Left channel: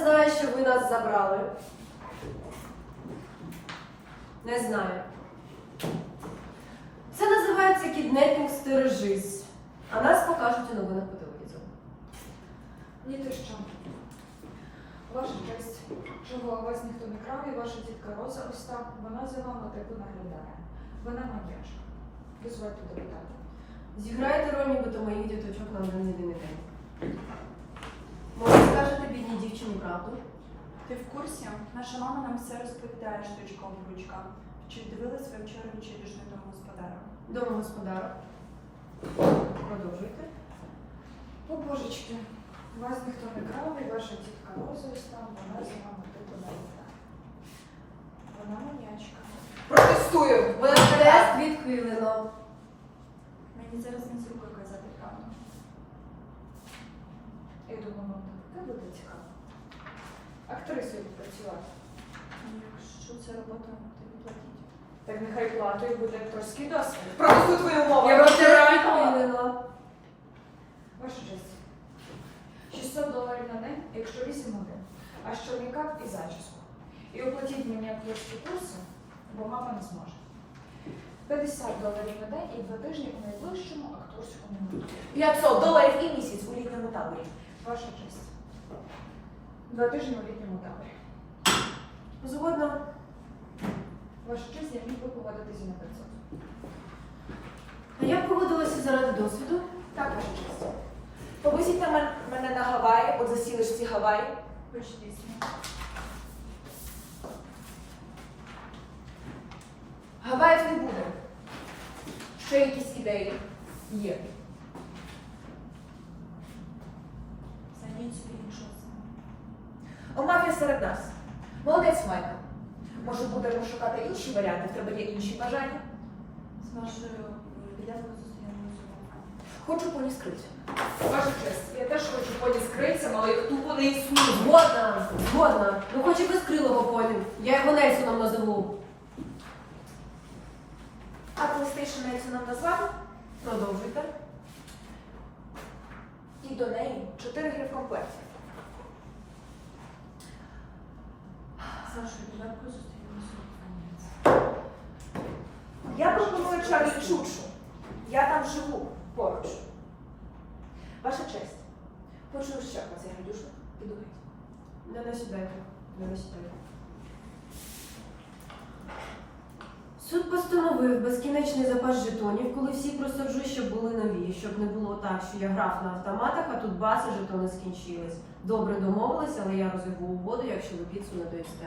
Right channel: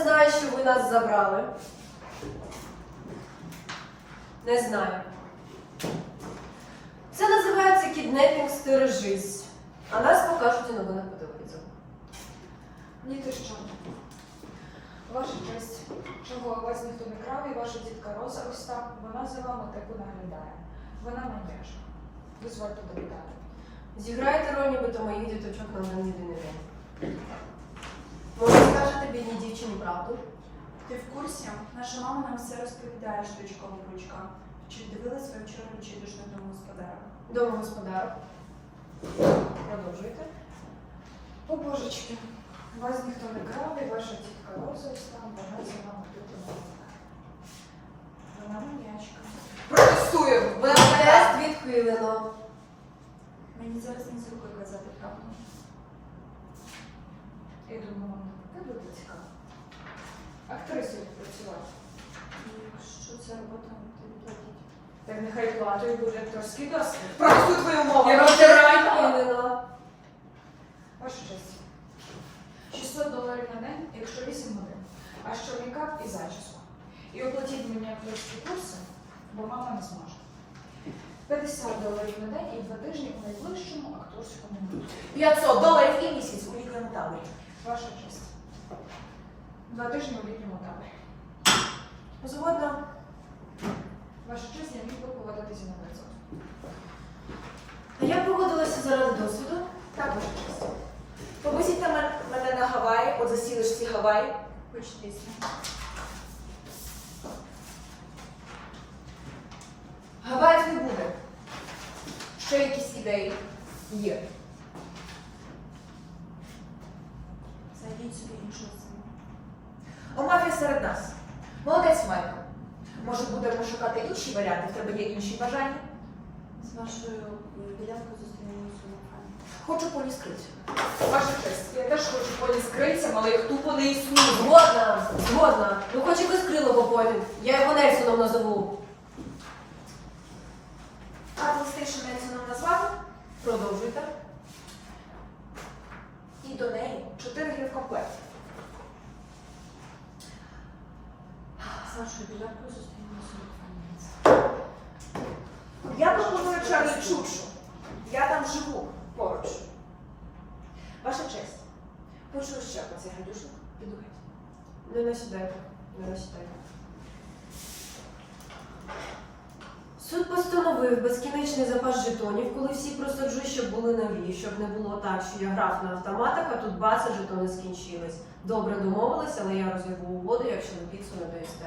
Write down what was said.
не знаю, що ви нас забрали. Не знаю. Це називається кіднепінг стережись. А нас покажуть у новинах по телевізору. Ні, ти що? Ваша честь, чого вас ніхто не крав, і ваша тітка Роза ось так, вона за вами типу наглядає. Вона маньяшка. Дозвольте довідати. Зіграйте роль, нібито моїх діточок на мене не день. Бідній дівчині правду? Ти в курсі? Наша мама нам все розповідає штучком в ручках. Чи дивилась ви вчора відчайдушно домогосподаря? Домогосподарок. Продовжуйте. О, божечки, вас ніхто не крав, і ваша тітка Роза там, вона за вами типу наглядає. Вона маньячка. Протестую! Вона тест відхилено. Мені зараз не з Я думаю, буде цікаво. Актрисою працювати. Якщо це робота, то не платіть. Так нехай платою буде акторський досвід. Протестую твою мову. Я відхилено. Ваша честь. 600 доларів на день, якщо 8 годин. А що мейкап і зачіску. І оплатіть мені акторські курси, бо мама не зможе. 50 доларів на день і два тижні у найближчому акторському гурту. 500 доларів і місяць у літньому таборі. Ваша честь. Два тижні у літньому таборі. Згодна. Ваша честь, я міг би погодитися на 500. А я погодилася заради досвіду. Так, ваша честь. Повезіть на мен- мене на Гаваї, от засілишці Гаваї. Почтіться. Гаваїв не буде. Ще якісь ідеї є. Серед нас. Молодець, Майка. Може, будемо шукати інші варіанти, в тебе є інші бажання? З вашою підлянкою зустрінемося. Хочу поні скрицю. Ваша честь, я теж хочу поні з крильцями, але їх тупо не існує. Згодна, згодна. Ну хоч якось крилого поні. Я його Нельсоном назову. А PlayStation Нельсоном назвати? Продовжуйте. І до неї чотири гри в комплекті. З вашою підлянкою зустрінемося у локалі. Я пропоную Чарлі Чукшу. Я там живу поруч. Ваша честь. Почув ще про цей гадюшок. Піду геть. Не насідайте, не насідайте. Суд безкінечний запас жетонів, коли всі просаджу, щоб були нові, щоб не було так, що я грав на автоматах, а тут баса жетони скінчились. Добре домовились, але я розірву угоду, якщо ви піцу не доїсте.